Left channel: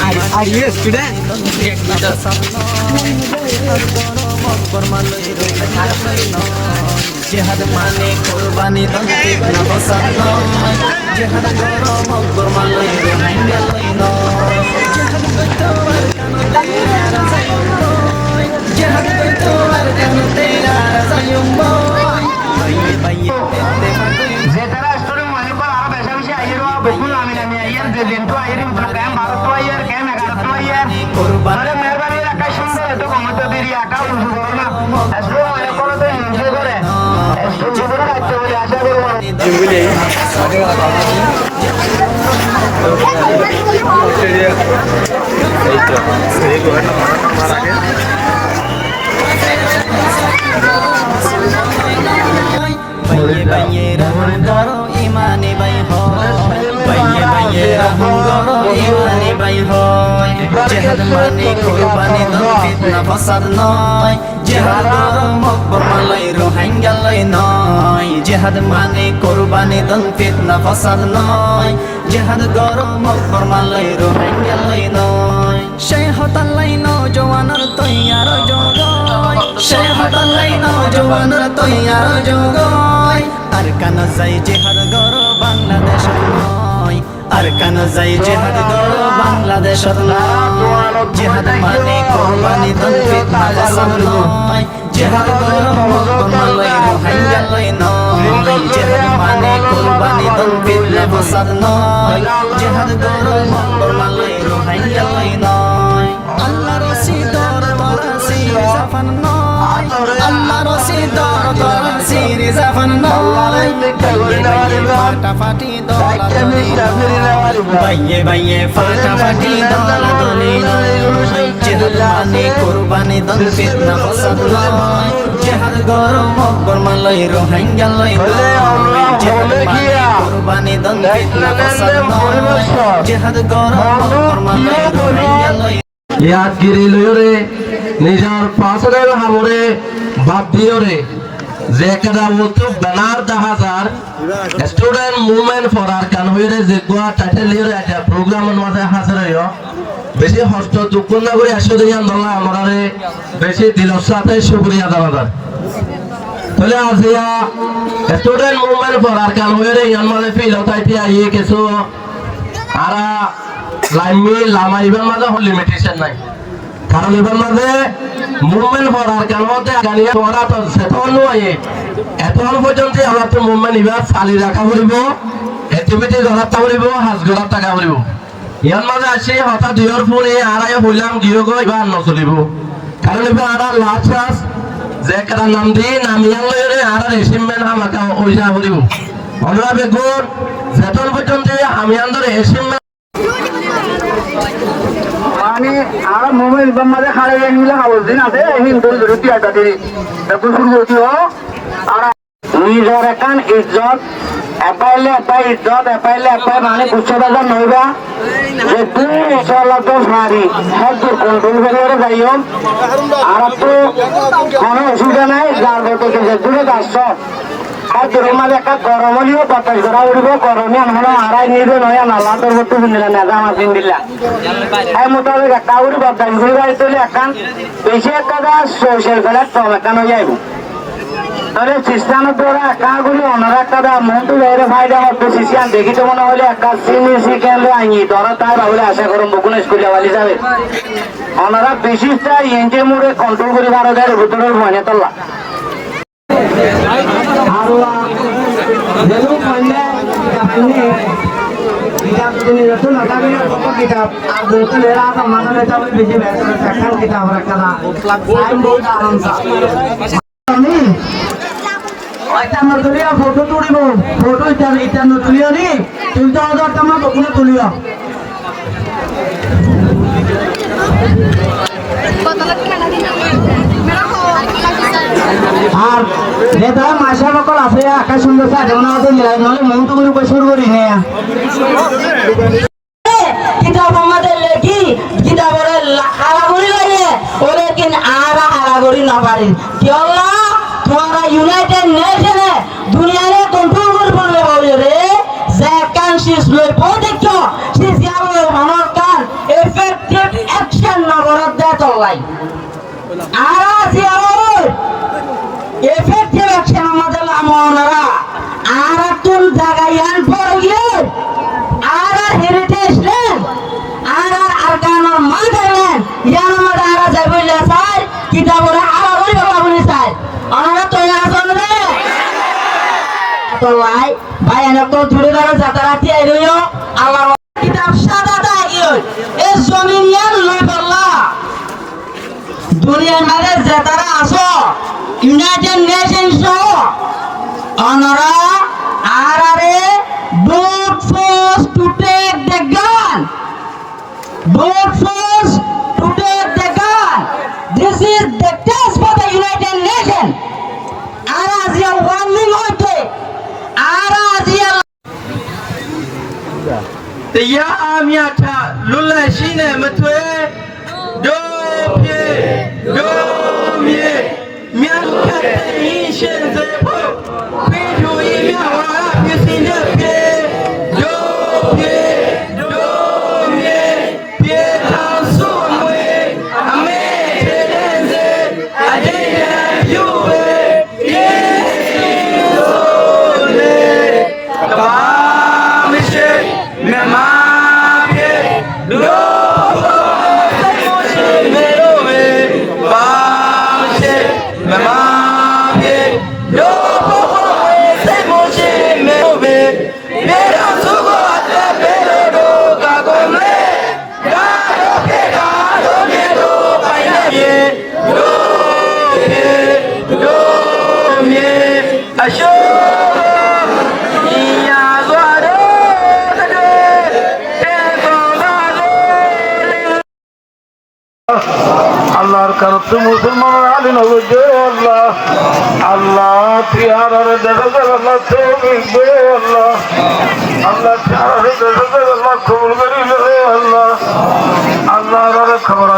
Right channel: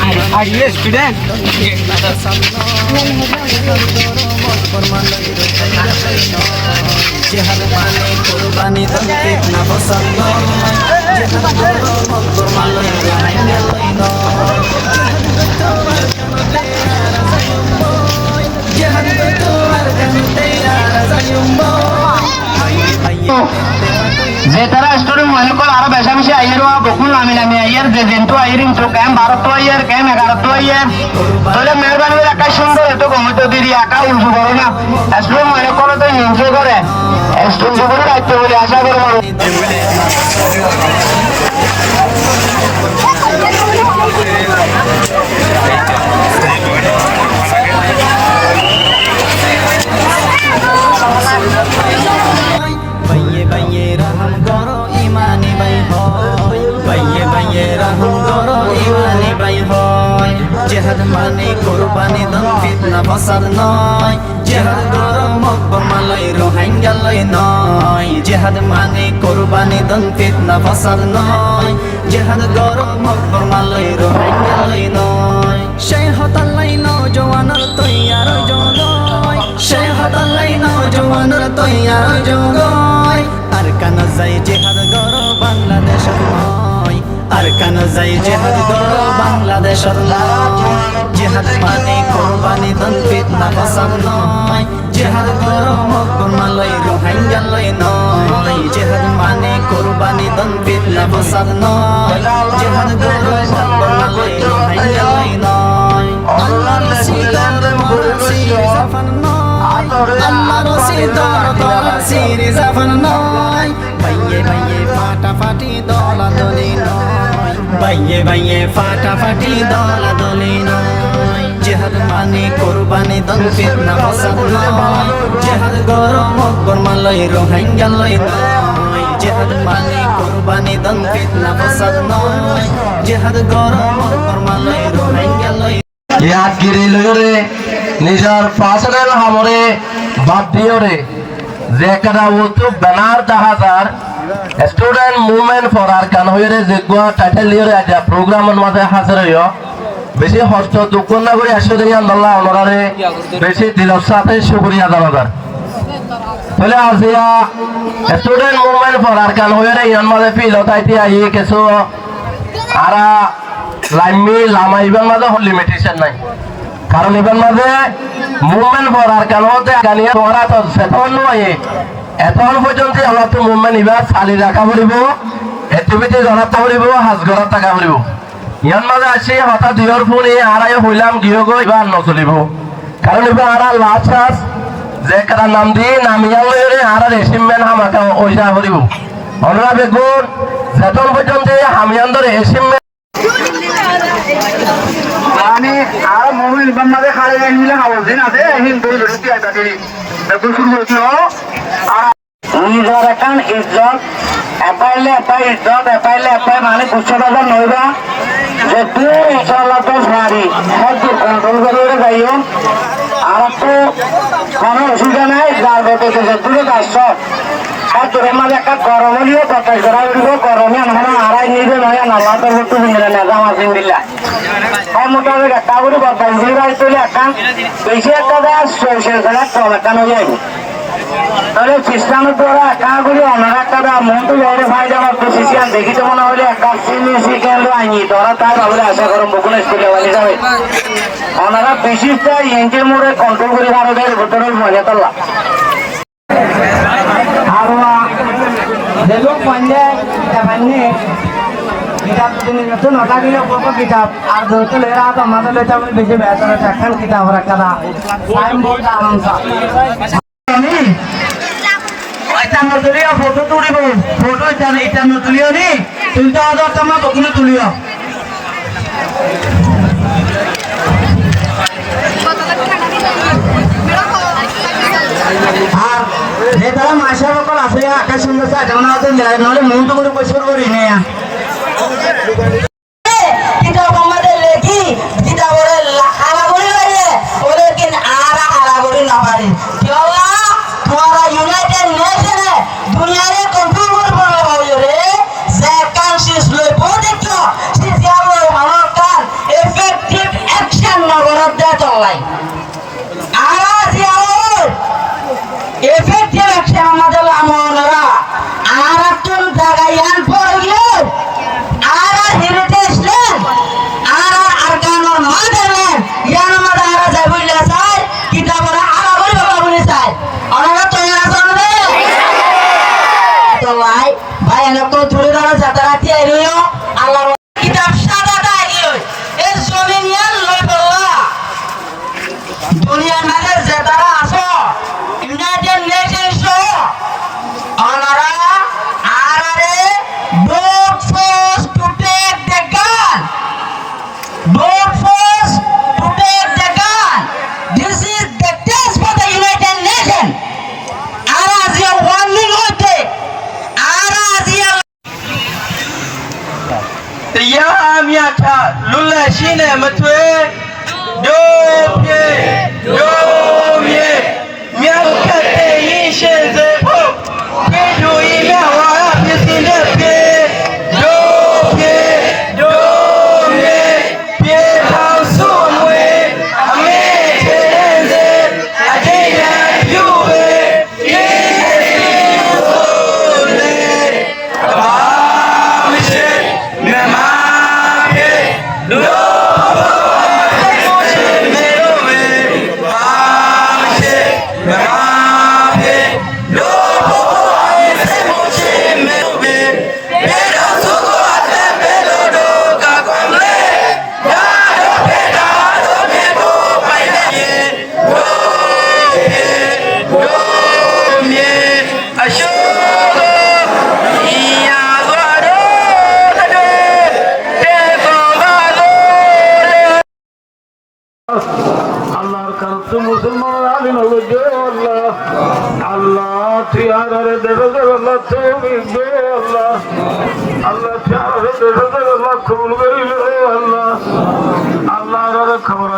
Are you a student? Jihad mane kurbani tantit na fasad noy jihad goro mokbor maloi rohingya loi noy jihad goito ar kanote ara zayum boy jihad goito ar kanote ara zayum boy baye baye tette pakoi যে তারা student মনে কর আরো বেশি বেশি আইয়ের বেকুল নামি নামি আইয়ের যে জেন্টু আইরিং তো ক্যাম 12 তো আইয়ের ক্যাম 11 তো আইয়ের বলে মেহরবানি রাখা সুন্দর এত কমতো দিরি একা উল্টো করো না স্টুডেন্ট মনে করো তো এনজয় করে স্টুডেন্ট করে রাখতে বলে আশা করব baye baye raham goro imani bay hoy baye baye raham goro imani bay hoy jihad mane qurbani dan fitna fasad noy jihad goro mokbor malai rohingya loi noy jihad mane qurbani dan fitna fasad noy jihad goro mokbor malai rohingya loi noy shayhotan lai no jawanar toyar jogoy shayhotan lai no jawanar toyar jogoy আর কেন যাই জিহাদ গরো বাংলাদেশত নয় আর কেন যাই জিহাদ গরো বাংলাদেশত নয় জিহাদ মানে কুরবানি দান ফিতনা ফাসাদ নয় জিহাদ গরো মকবর মালয় রোহিঙ্গা লই নয় জিহাদ মানে কুরবানি দান ফিতনা ফাসাদ নয় জিহাদ গরো মকবর মালয় রোহিঙ্গা লই নয় আল্লাহ রশিদর তোরা সির জাফান নয় আল্লাহ রশিদর তোরা সির জাফান নয় বাইয়ে বাইয়ে ফাটাফাটি দলাদলি নয় বাইয়ে বাইয়ে ফাটাফাটি দলাদলি নয় জিহাদ মানে কুরবানি দান ফিতনা ফাসাদ নয় জিহাদ গরো মকবর মালয় রোহিঙ্গা লই নয় জিহাদ মানে কুরবানি দান ফিতনা ফাসাদ নয় জিহাদ গরো মকবর মালয় রোহিঙ্গা লই ইয়াদ গিরি লয়রে নিজের পার্সোনাল হামরে বাদ দিয়রে যে কাদা ওতো ব্যানার 10000 স্টুডেন্ট মুভমেন্ট ফর আর কান হইরে যে গোয়া টাইটেল লিয়রে একটা প্রোগ্রামের মাঝে হাজির হইও বেশি হস্ত দুঃখ না করে 100 দিন আল্লাহ আমারে বেশি দিলের সাথে শুকরিয়া দাবার তাহলে আজিয়া স্টুডেন্ট মুভমেন্ট ফর আর কান হইরে ইয়ান মাঝে ফিল হতাইতি আই কিছু আরা লাইমি লামাইবার মাঝে লিমিটেশন নাই কারণ এবার মাঝে মুভমেন্ট পড়ার কারণ হতে গানিয়া পড়া তো সেতন নয় এখন পর্যন্ত আমরা তো মুভমেন্ট এবার চালি রাখা পড়ব এটিভিটি গড়াতে পড়ব হাজ গড়াত টাকা পড়ব ইয়ার মাঝে আসি হঠাৎ দুইর ফোনে আড়াই হইলাম গিয়ে গো এবার নচলিব কারণ এবার আড়া লাস্ট রাস যে কারা নাম দিয়ে নামিয়া লইরে আড়া এসিমেন্ট আমাকে ওইসা পড়ব আমরা বেগুন সেতন পর্যন্ত আমি আন্দর এসিমেন্ট আমি আর মোমেন্ট বাম্মাদে খাড়া গায় নিলা খাওয়ার দিন আছে হিন্দু বিরোধী আইতাদি বেকুল করছি ও আর নিজের একান ইজ্জত এপাইলে এপাই ইজ্জত এপাইলে এপাই মানে গুচ্ছ বাজার নইবা যে তুই ইনশাআল্লাহ তো সারি হ্যাঁ তুই কন্ট্রোল করে যাইও আর তো কোনো অসুবিধা নাই যার বলতে যে তুই আসছ তোর মাঝে একটা গরমলিও বাতাস করা উঠব গরমে আমরা আড়াই নিবে নয় নাল্লা তোর বস্তু বুঝলে না জামা চিন্দিল্লা হ্যাঁ মোটামুটি একটা করে বাতাস ঘুরে যাইতে একান বেশি একটা সোশ্যাল খেলা কম একান হয়ে যাইব তাহলে খ্রিস্টানের দ্বারা একাগুলি অনার একটা মনটু যাইলে ভাই আমার তো শিশিয়ান দেখিতে মনে হলে একটা চিনি চিকেন আইনি ধরা তাই ভাবলে আশা করুন বকুল স্কুলে বালি যাবে ওনারা বিশিষটা ইঞ্জিন মোড়ে কন্ট্রোল করে ভারতের ভিতরের মনে তোলা Lalu panjang kitabnya kitab ini itu notasi apa kitab ada itu lera atau mana lera pun bisa bahasa sekarang kita orang kala lain buat alam sah ini এটা নতুলিয়া ফটো তুলিব ফটো এটা নতুলিয়া নি তুলতে হবে তোমার বকুলে তুলিও যেতারা মাসা বকর আছে আকাশ সুন্দর সাজা না তো মিলাই নলে মন তো করে পয়সা করি না কিতাব আমাদের লেখি কিতাবরে হারাবরি লাগে ওরে কেন আরা হারাবরি না পারে কি আল্লাহ তোমরা ইউনাইটেড নেশনে দুনিয়ারে কন্ট্রোল করে বলবে রে যে কান্ট্রিজ লই প্রোটেক্ট দেয় চললাই আর আজি আর এফেক্টিভ অ্যাকশন আমাদের আমনরা আর তুন জায়গায়ান পড়িয়ে আর হেরিটেজ ল্যান্ড আর আরকানোর মাদারল্যান্ড ইয়ান আমাদের আর যাই বললে চাই কিতাবরা আলা বলি বাবা বলি চাই আমরা তৈরি আছেন রে তো লাই ভাই এনে তো ধরে ধরে যাতারাতি আইলো আল্লাহর কিতাব সাদা দাগিও এই জমিনিয়ান লই বললা দুনিয়ার মাঝে যাতারা আছে ইউনাইটেড নেশনস অনারা আরারে vote first to take the gun vote first to take the gun this is the test for the United Nations ara azia warning hoite ara azia Ya miata lulla shine mutwe do pye do mye miata te yishin ze po pye do ya wa pisin de pye do pye do mye pye thao su mwe ame te ze ajaida yu be ye so le ba mishe mema pye do আল্লাহর কারণে মুসলমান আলী নগর দে আল্লাহ আল্লাহ তিহারে দেবে আল্লাহ তৌফিক দে আল্লাহ আল্লাহ তিহারে দেবে আল্লাহ কবুল করি রে আল্লাহ আল্লাহ খবর